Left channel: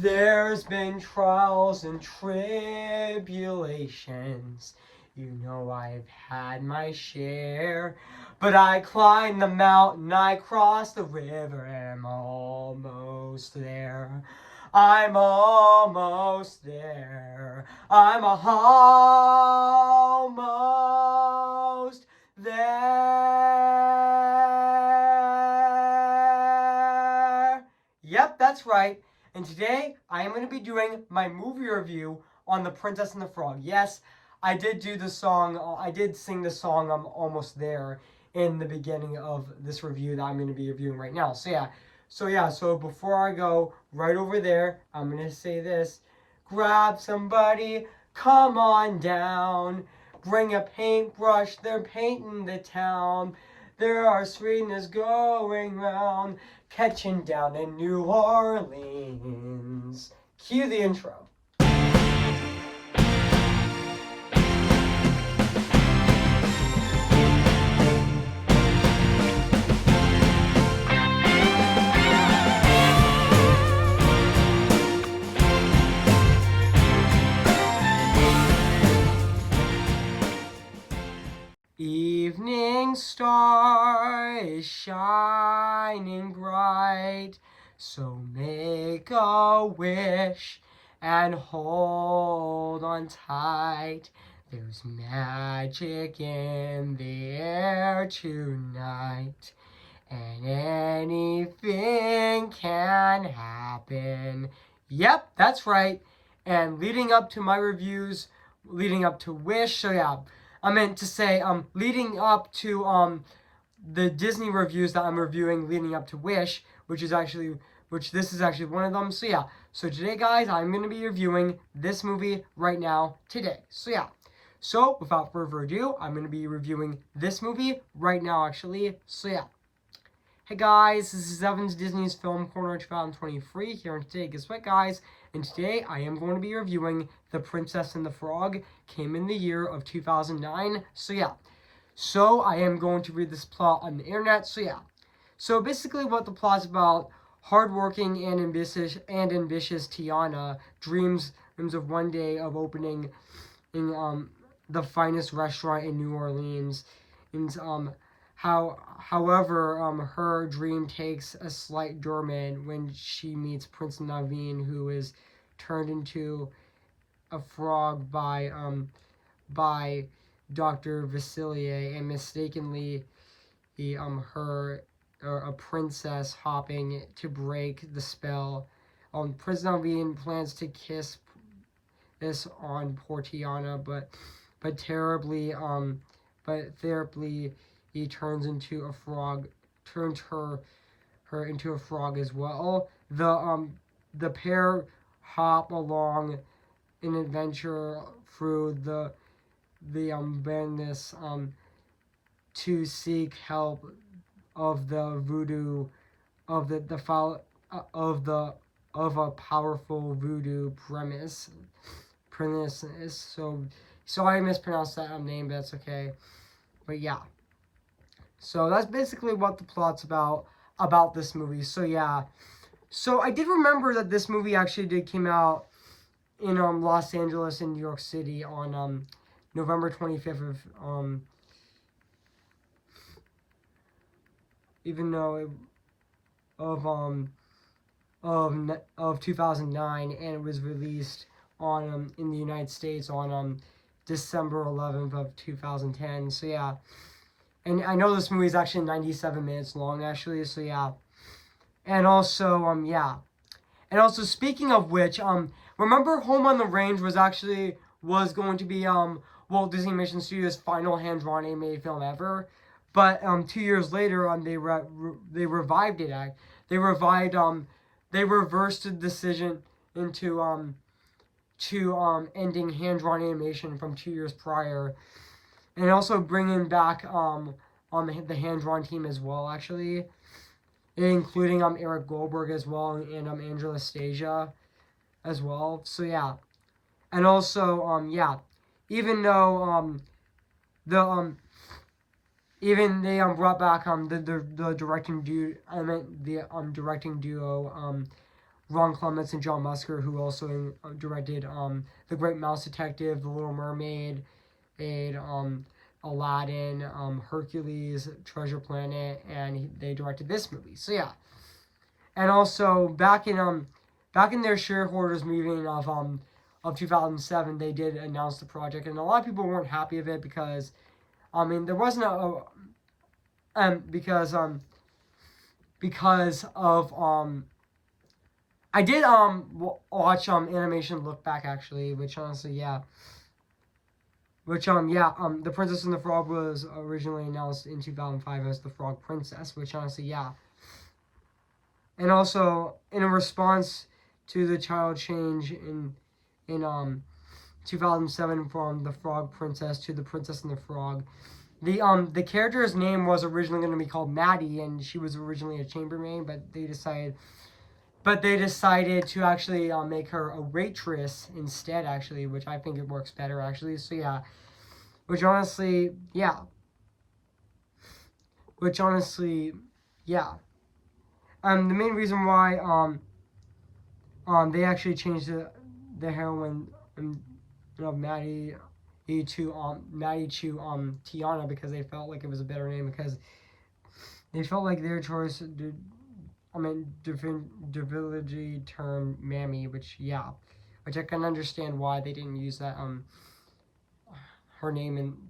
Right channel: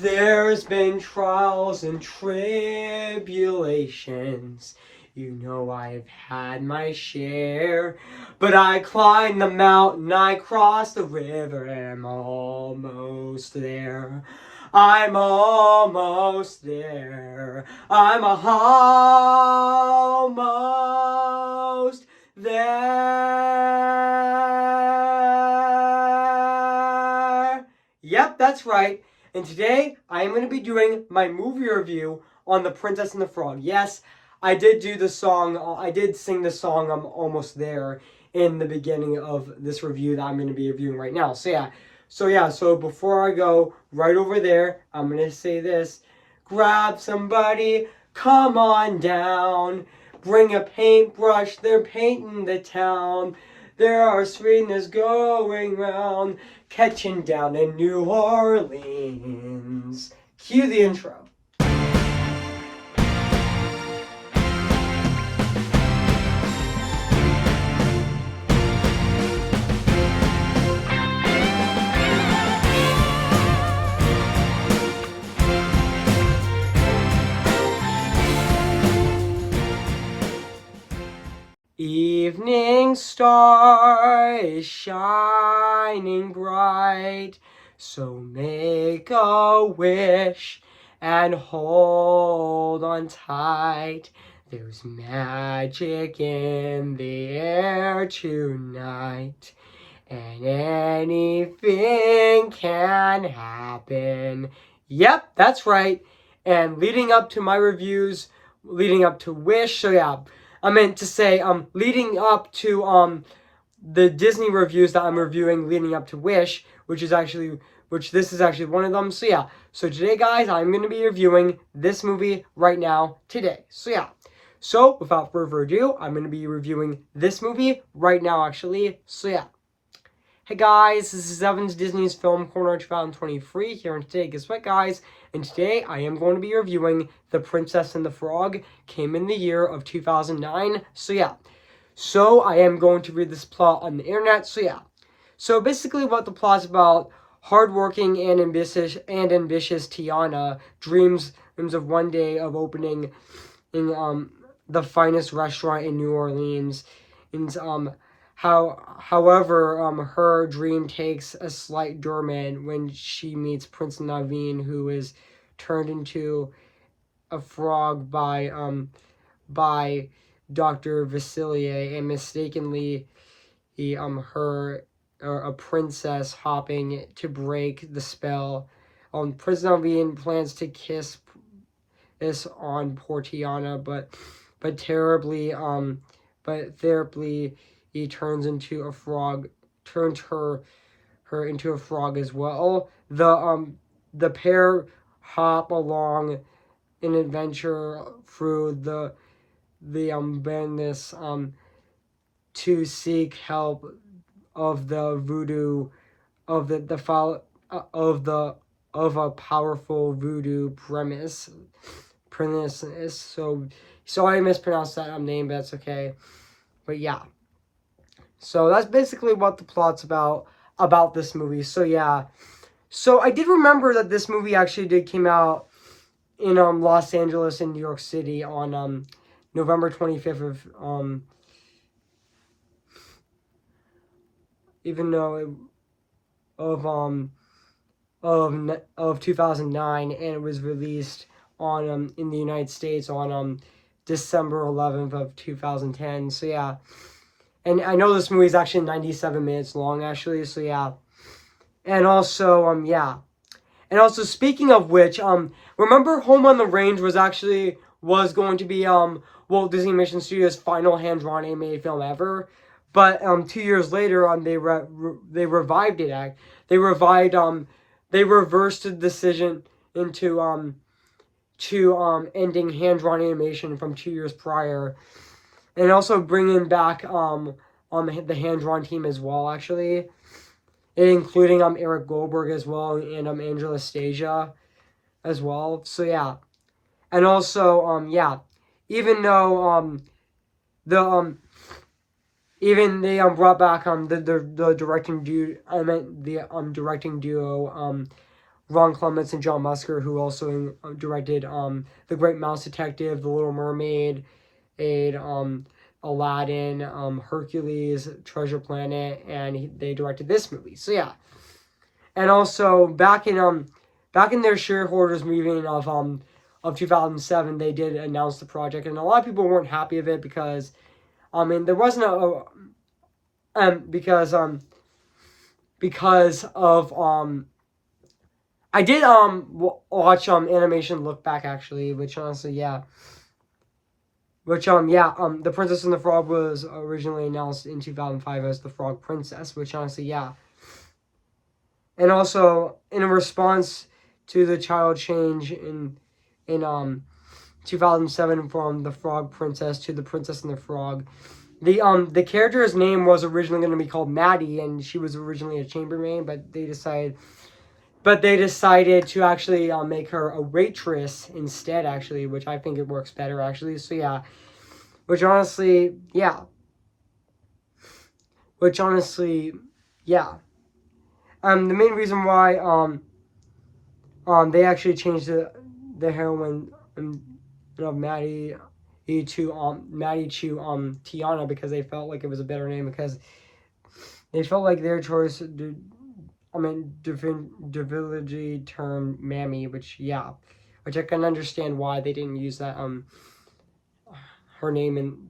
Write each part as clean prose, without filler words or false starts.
There's been trials and tribulations. You know I've had my share. But I climbed the mountain, I crossed the river, and I'm almost there. I'm almost there. I'm almost there. Yep, that's right. And today, I am going to be doing my movie review on The Princess and the Frog. Yes, I did do the song, I did sing the song, I'm Almost There, in the beginning of this review that I'm going to be reviewing right now. So before I go right over there, I'm going to say this. Grab somebody, come on down. Bring a paintbrush, they're painting the town. There are sweetness going round, catching down in New Orleans. Cue the intro. Evening star is shining bright, so make a wish and hold on tight. There's magic in the air tonight, and anything can happen. Yep, that's right. And leading up to my reviews, leading up to Wish, so yeah, I meant to say, leading up to the Disney reviews that I'm reviewing, leading up to Wish, which this is actually one of them. So yeah, so today, guys, I'm gonna be reviewing this movie right now today. So yeah, so without further ado, I'm gonna be reviewing this movie right now, actually. So yeah. Hey guys, this is Evan's Disney's Film Corner 2023 here, and today, guess what, guys? And today I am going to be reviewing The Princess and the Frog. Came in the year of 2009. So yeah, so I am going to read this plot on the internet. So yeah, so basically what the plot's about: hardworking and ambitious Tiana dreams of one day of opening in the finest restaurant in New Orleans, and however, her dream takes a slight dormant when she meets Prince Naveen, who is turned into a frog by Dr. Vasilier, and mistakenly her a princess hopping to break the spell. Prince Naveen plans to kiss this on poor Tiana, but terribly he turns into a frog, turns her into a frog as well. The pair hop along an adventure through the madness to seek help of the voodoo of of a powerful voodoo premise. So I mispronounced that name, but that's okay. But yeah. So that's basically what the plot's about this movie. So yeah. So I did remember that this movie actually did came out in Los Angeles and New York City on November 25th of even though it, of 2009, and it was released on in the United States on December 11th of 2010. So yeah. And I know this movie is actually 97 minutes long, actually. So yeah. And also yeah. And also, speaking of which, remember Home on the Range was going to be Walt Disney Animation Studios' final hand-drawn animated film ever, but 2 years later they revived it. They reversed the decision into ending hand-drawn animation from 2 years prior, and also bringing back on the hand-drawn team as well, actually, including Eric Goldberg as well, and Angela Stasia as well. So yeah. And also yeah, even though even they brought back the directing duo Ron Clements and John Musker, who also directed The Great Mouse Detective, The Little Mermaid, Aladdin, Hercules, Treasure Planet, and they directed this movie. So yeah, and also back in their shareholders meeting of 2007, they did announce the project, and a lot of people weren't happy of it because there wasn't because of I did watch Animation Look Back actually, which honestly yeah. The Princess and the Frog was originally announced in 2005 as the Frog Princess, which honestly yeah. And also in response to the child change in 2007 from the Frog Princess to the Princess and the Frog, the character's name was originally going to be called Maddie, and she was originally a chambermaid, but they decided to actually make her a waitress instead, actually, which I think it works better, actually. So yeah, which honestly, yeah. The main reason why they actually changed the heroine of Maddie to Tiana, because they felt like it was a better name, because they felt like their choice. Divinity term Mammy, which I can understand why they didn't use that her name and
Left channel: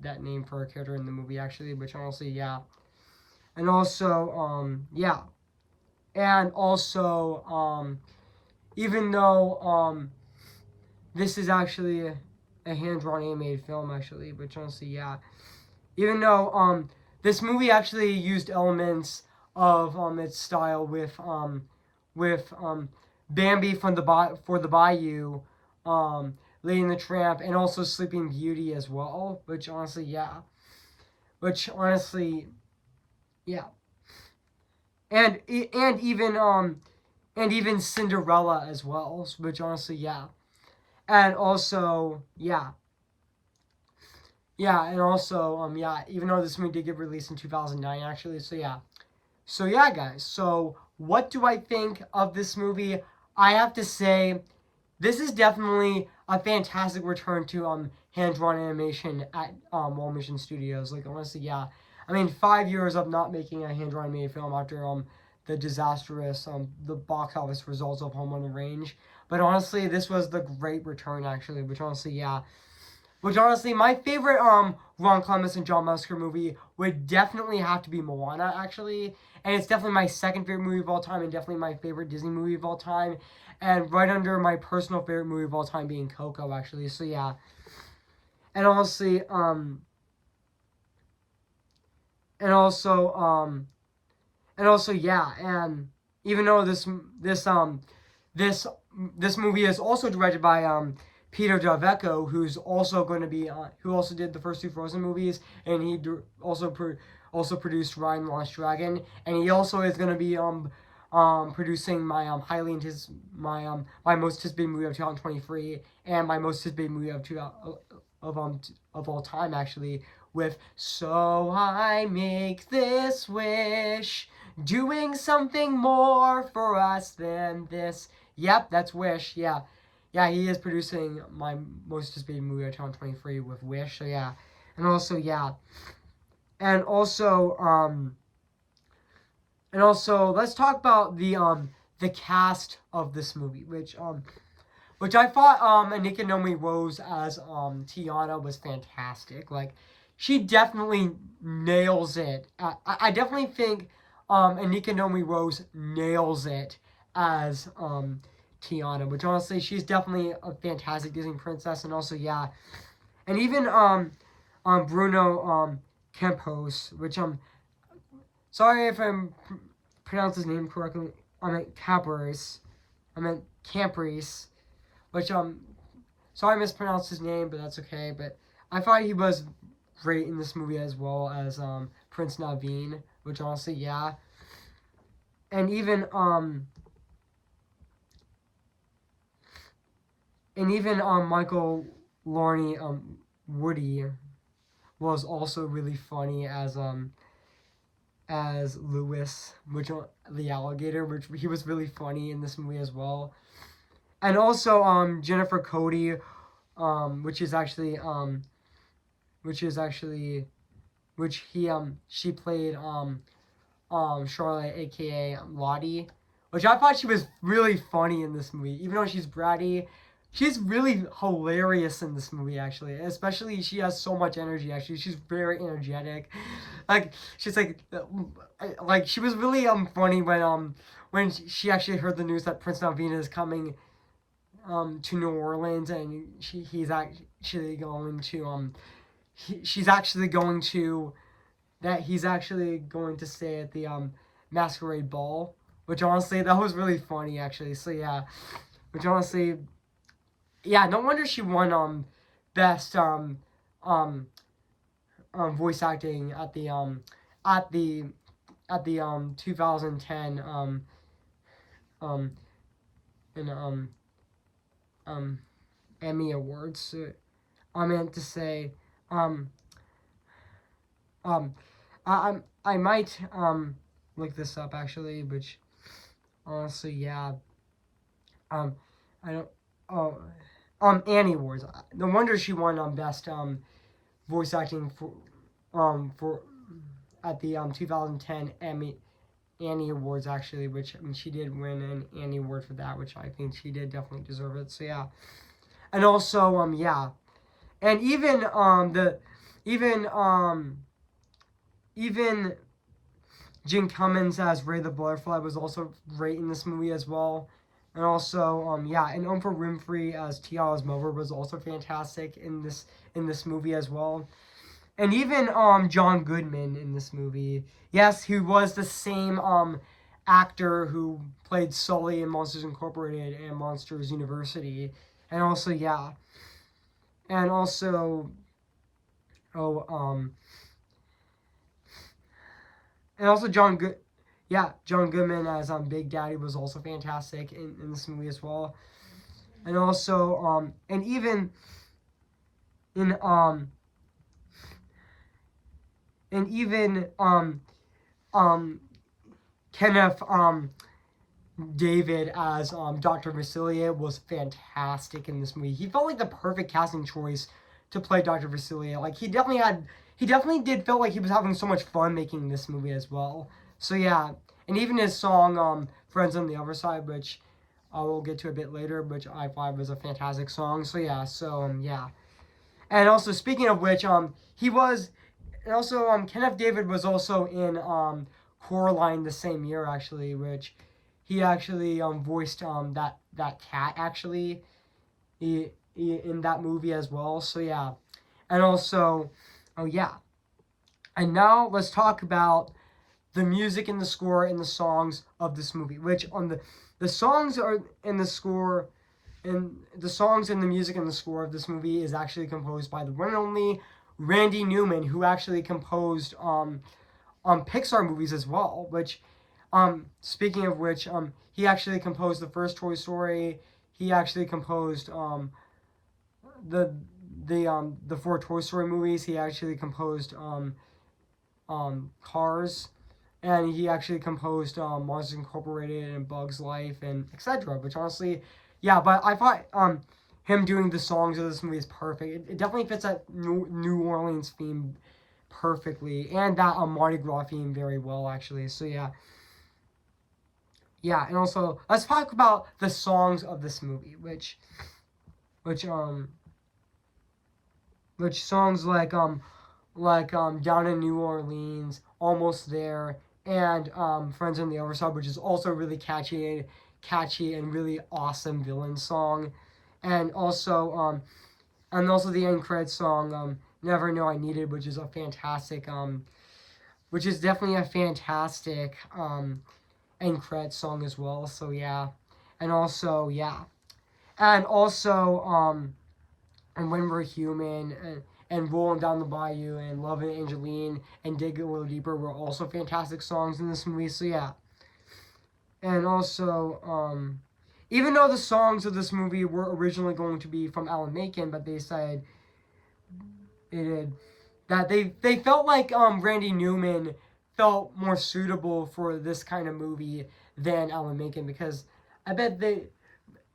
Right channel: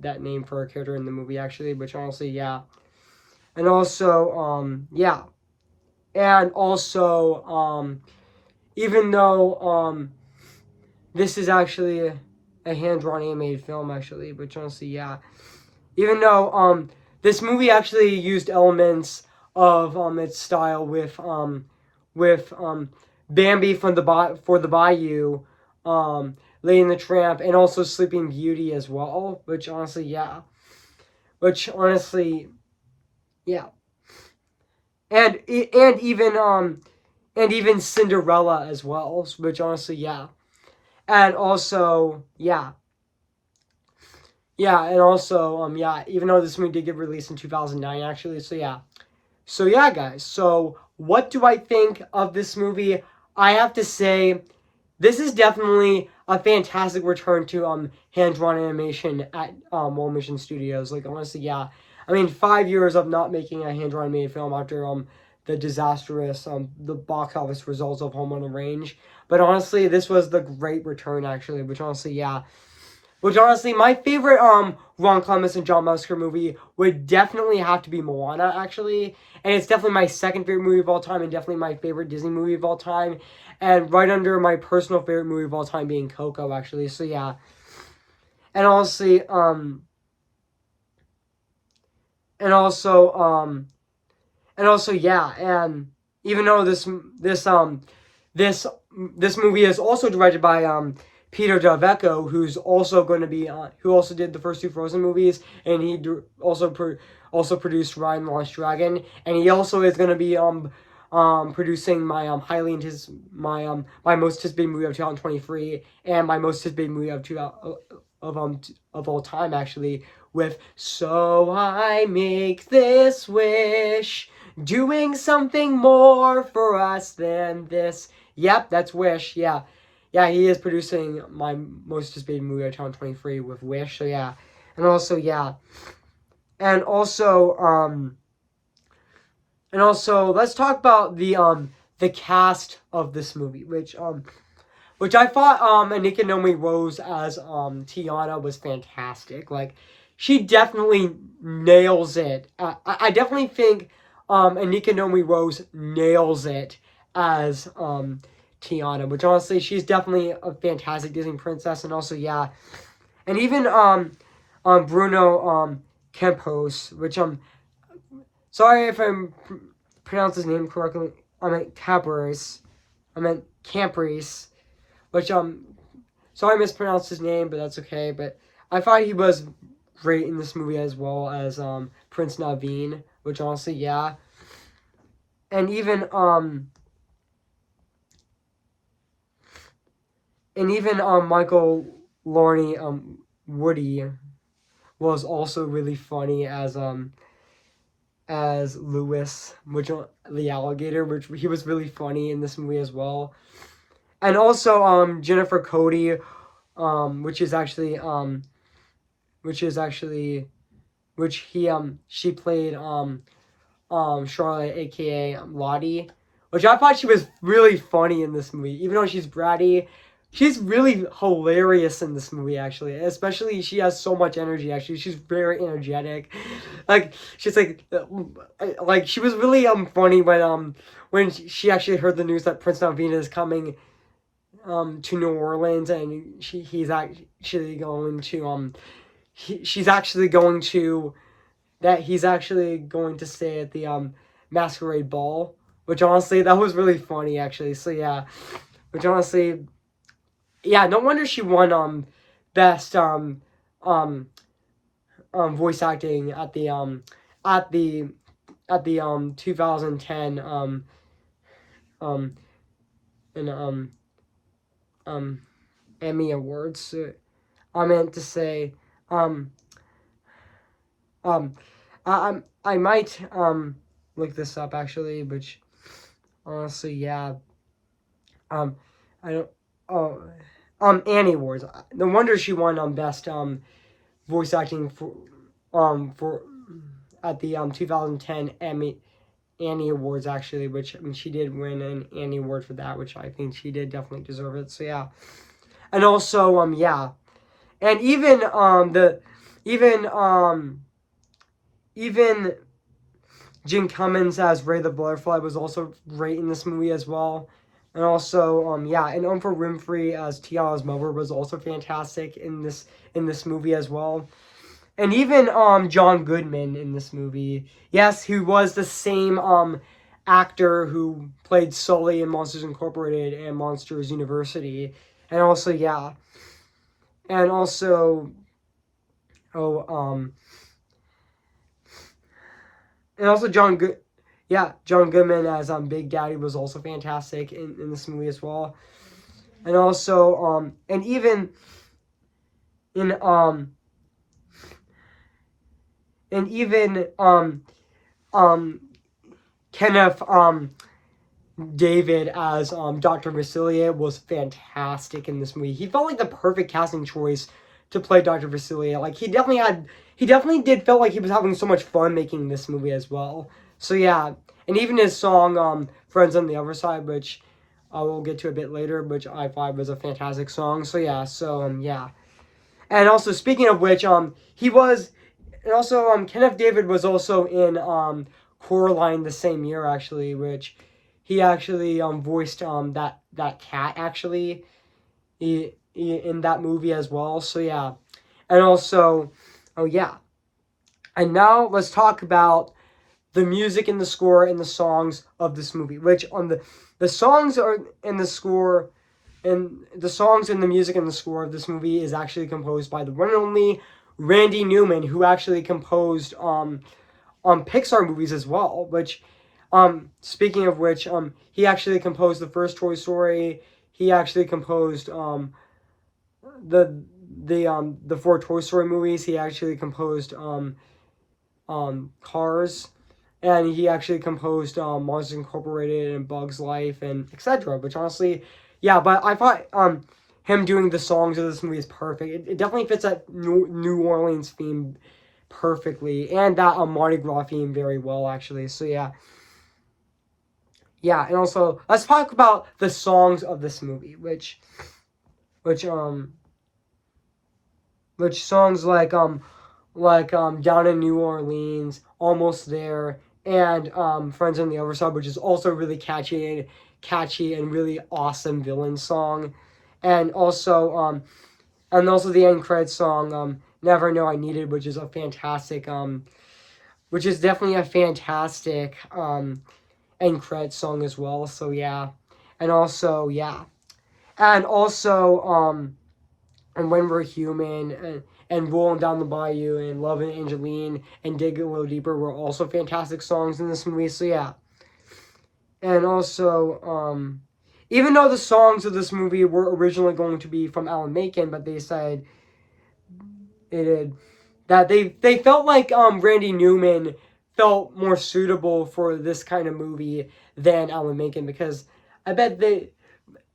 that name for a character in the movie, actually, which honestly yeah. And also even though this is actually a hand-drawn animated film, actually, which honestly yeah, even though this movie actually used elements of its style with Bambi from the Bayou, Lady and the Tramp, and also Sleeping Beauty as well, which honestly yeah, and even Cinderella as well, which honestly yeah, and also and also even though this movie did get released in 2009, actually, so yeah. So yeah, guys. So what do I think of this movie? I have to say, this is definitely a fantastic return to hand-drawn animation at Walt Mission Studios. Like honestly, yeah. I mean, 5 years of not making a hand-drawn animated film after the disastrous the box office results of Home on the Range. But honestly, this was the great return, actually. Which honestly, yeah. Which honestly, my favorite Ron Clements and John Musker movie would definitely have to be Moana, actually. And it's definitely my second favorite movie of all time, and definitely my favorite Disney movie of all time. And right under my personal favorite movie of all time being Coco, actually. So yeah. And honestly, and also yeah, and even though this this movie is also directed by Peter Davecco, who's also going to be who also did the first two Frozen movies, and he also produced Raya and the Lost Dragon, and he also is going to be producing my my most anticipated movie of 2023, and my most anticipated movie of all time, actually, with So I Make This Wish, doing something more for us than this. Yep, that's Wish. Yeah, he is producing my most anticipated movie of 2023 with Wish. So yeah, and also and also let's talk about the cast of this movie, which I thought Anika Nomi Rose as Tiana was fantastic. Like, she definitely nails it. I definitely think Anika Nomi Rose nails it as Tiana, which honestly, she's definitely a fantastic Disney princess. And also yeah, and even Bruno Campos, which sorry if I'm pronounced his name correctly. I meant Campos. I meant Campres, which sorry I mispronounced his name, but that's okay. But I thought he was great in this movie, as well as Prince Naveen, which honestly yeah. And even Michael Lorne Woody was also really funny as as Lewis, which the alligator, which he was really funny in this movie as well. And also Jennifer Cody, which is actually which is actually which he she played Charlotte, aka Lottie, which I thought she was really funny in this movie. Even though she's bratty, she's really hilarious in this movie. Actually, especially she has so much energy. Actually, she's very energetic. Like she's like she was really funny when she actually heard the news that Prince Naveen is coming to New Orleans, and he's actually going to she's actually going to that he's actually going to stay at the masquerade ball, which honestly that was really funny actually. So yeah, which honestly, yeah, no wonder she won best um voice acting at the 2010 um and um Emmy Awards. I meant to say um um I might look this up actually, which honestly, yeah. Um, I don't. Oh, Annie Awards. No wonder she won best voice acting for at the 2010 Annie Awards actually, which I mean she did win an Annie Award for that, which I think she did definitely deserve it. So yeah, and also yeah, and even even even Jim Cummins as Ray the Butterfly was also great in this movie as well. And also, yeah, and Oprah Winfrey as Tiana's mother was also fantastic in this movie as well. And even John Goodman in this movie, yes, who was the same actor who played Sully in Monsters Incorporated and Monsters University, and also yeah, and also oh and also John Goodman as Big Daddy was also fantastic in this movie as well. And also and even in and even Kenneth David as Dr. Vasilia was fantastic in this movie. He felt like the perfect casting choice to play Dr. Vasilia. Like he definitely did felt like he was having so much fun making this movie as well. So yeah, and even his song Friends on the Other Side, which I will get to a bit later, which I thought was a fantastic song. So yeah, yeah. And also speaking of which, he was and also Kenneth David was also in Coraline the same year actually, which he actually voiced that cat actually in that movie as well. So yeah, and also oh yeah, and now let's talk about the music and the score and the songs of this movie. Which on the songs are in the score and the songs and the music and the score of this movie is actually composed by the one and only Randy Newman, who actually composed Pixar movies as well. Which, speaking of which, he actually composed the first Toy Story. He actually composed the the four Toy Story movies. He actually composed Cars, and he actually composed Monsters Incorporated and Bugs Life and etc. Which honestly, yeah, but I thought him doing the songs of this movie is perfect. It definitely fits that New Orleans theme perfectly, and that Mardi Gras theme very well actually. So yeah, yeah, and also let's talk about the songs of this movie, which which songs Down in New Orleans, Almost There, and Friends on the Other Side, which is also really catchy and really awesome villain song, and also the end credits song Never Know I Needed, which is a fantastic which is definitely a fantastic end credits song as well. So yeah, and also yeah, and also and When We're Human and Rolling Down the Bayou and Love and Angeline and Dig a Little Deeper were also fantastic songs in this movie. So yeah, and also even though the songs of this movie were originally going to be from Alan Menken, but they said it that they felt like Randy Newman felt more suitable for this kind of movie than Alan Menken, because I bet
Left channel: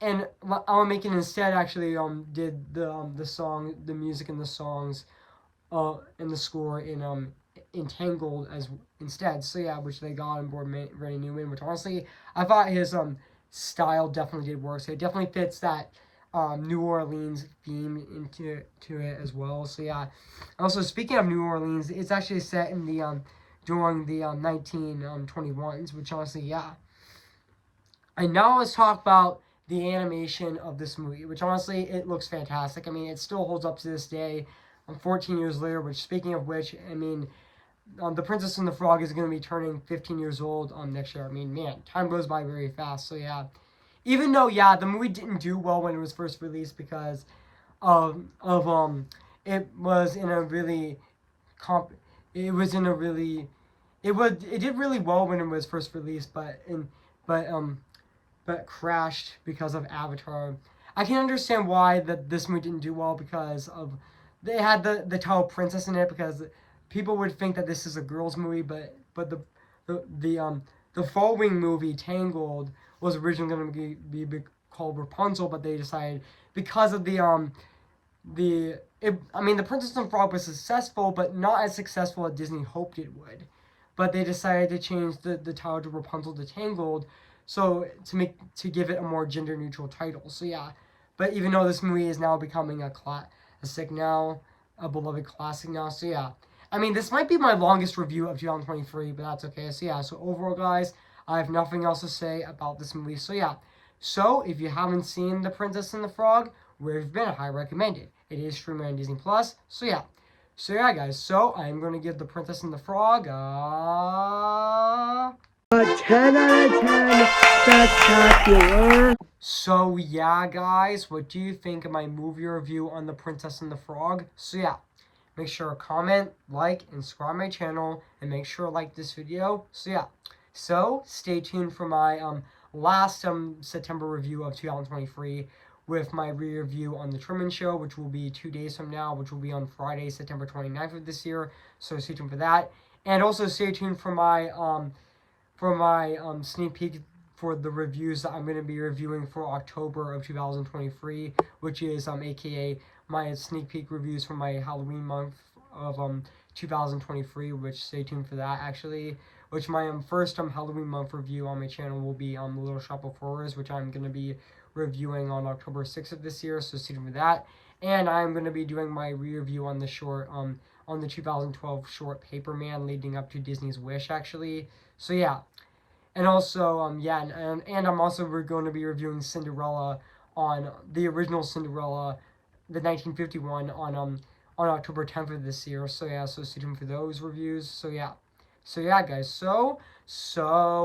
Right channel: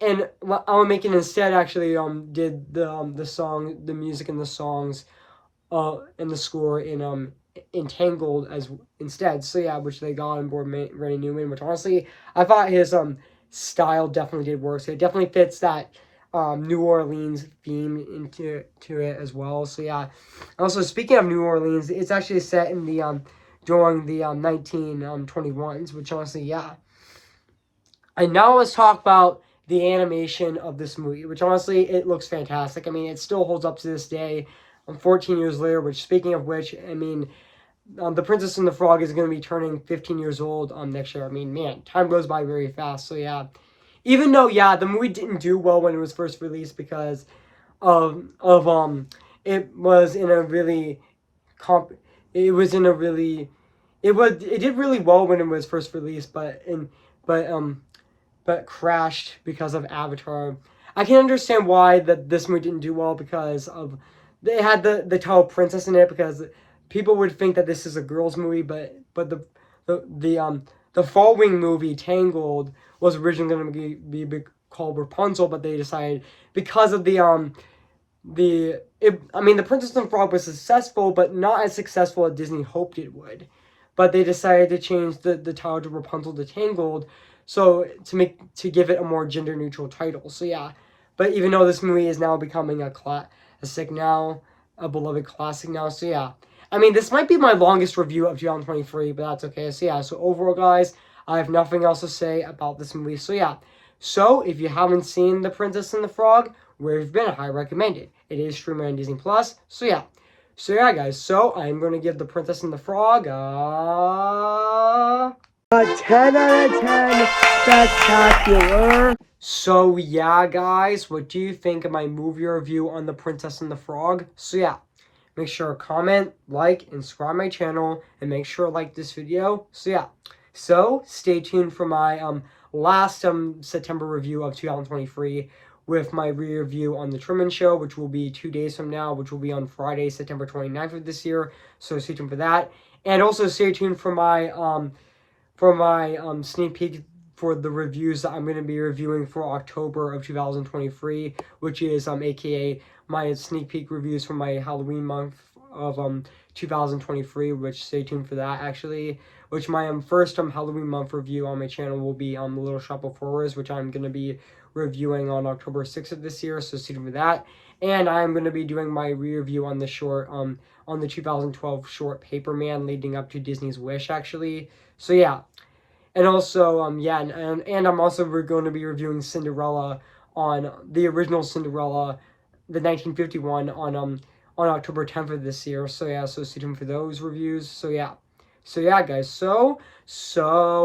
Alan Menken instead actually did the song, the music and the songs and the score in Entangled as instead. So yeah, which they got on board Randy Newman, which honestly I thought his style definitely did work. So it definitely fits that New Orleans theme into it as well. So yeah. Also, speaking of New Orleans, it's actually set in the during the 1921s, which honestly, yeah. And now let's talk about the animation of this movie, which honestly, it looks fantastic. I mean, it still holds up to this day. 14 years later, which, speaking of which, I mean, The Princess and the Frog is going to be turning 15 years old next year. I mean, man, time goes by very fast. So, yeah. Even though, yeah, the movie didn't do well when it was first released because it was in a really it was in a really it did really well when it was first released, but but crashed because of Avatar. I can understand why this movie didn't do well, because of they had the title princess in it, because people would think that this is a girls movie, but the following movie, Tangled, was originally going to be called Rapunzel, but they decided, because of the Princess and the Frog was successful, but not as successful as Disney hoped it would. But they decided to change the title to Rapunzel to Tangled, so to give it a more gender neutral title. So yeah, but even though this movie is now becoming a classic now, a beloved classic now. So yeah, I mean, this might be my longest review of 2023, but that's okay. So yeah, so overall, guys, I have nothing else to say about this movie. So yeah, so if you haven't seen The Princess and the Frog, where you've been, I recommend it. It is streaming on Disney Plus. So yeah. So yeah, guys. So I'm gonna give The Princess and the Frog a 10 out of 10 spectacular. So yeah, guys, what do you think of my movie review on The Princess and the Frog? So yeah, make sure to comment, like, and subscribe my channel, and make sure to like this video. So yeah, so stay tuned for my last September review of 2023, with my review on The Truman Show, which will be 2 days from now, which will be on Friday, September 29th of this year. So stay tuned for that, and also stay tuned for my sneak peek for the reviews that I'm going to be reviewing for October of 2023, which is aka my sneak peek reviews for my Halloween month of 2023, which stay tuned for that actually, which my first Halloween month review on my channel will be The Little Shop of Horrors, which I'm going to be reviewing on October 6th of this year, so stay tuned for that. And I'm going to be doing my review on the short on the 2012 short Paperman, leading up to Disney's Wish actually. So yeah, and also, yeah, and I'm also going to be reviewing Cinderella, on the original Cinderella, the 1951, on October 10th of this year. So yeah, so stay tuned for those reviews. So yeah, guys. So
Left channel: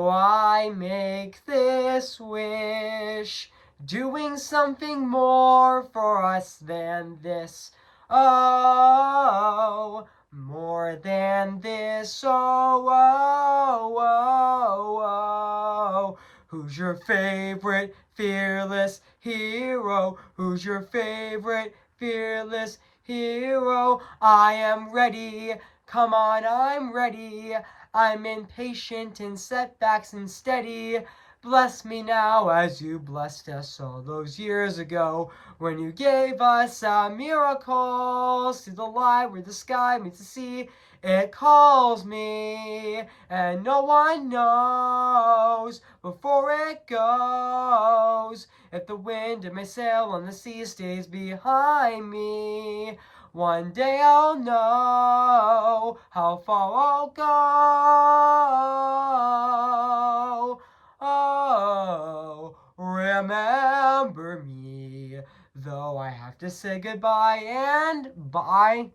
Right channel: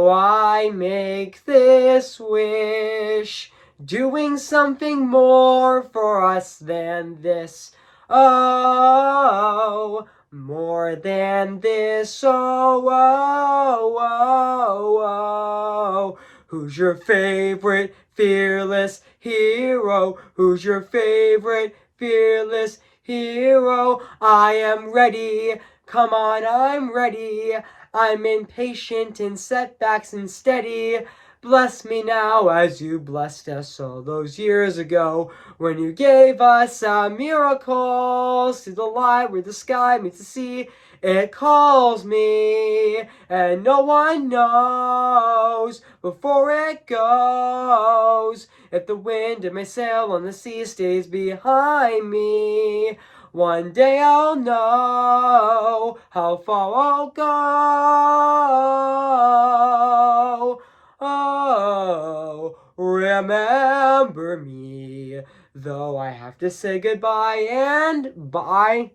I make this wish, doing something more for us than this. Oh, more than this. Oh, oh, oh, oh. Who's your favorite fearless hero? Who's your favorite fearless hero? I am ready. Come on, I'm ready. I'm impatient in setbacks and steady. Bless me now as you blessed us all those years ago, when you gave us a miracle. See the light where the sky meets the sea. It calls me, and no one knows before it goes if the wind in my sail on the sea stays behind me. One day I'll know how far I'll go. Oh, remember me, though I have to say goodbye and bye.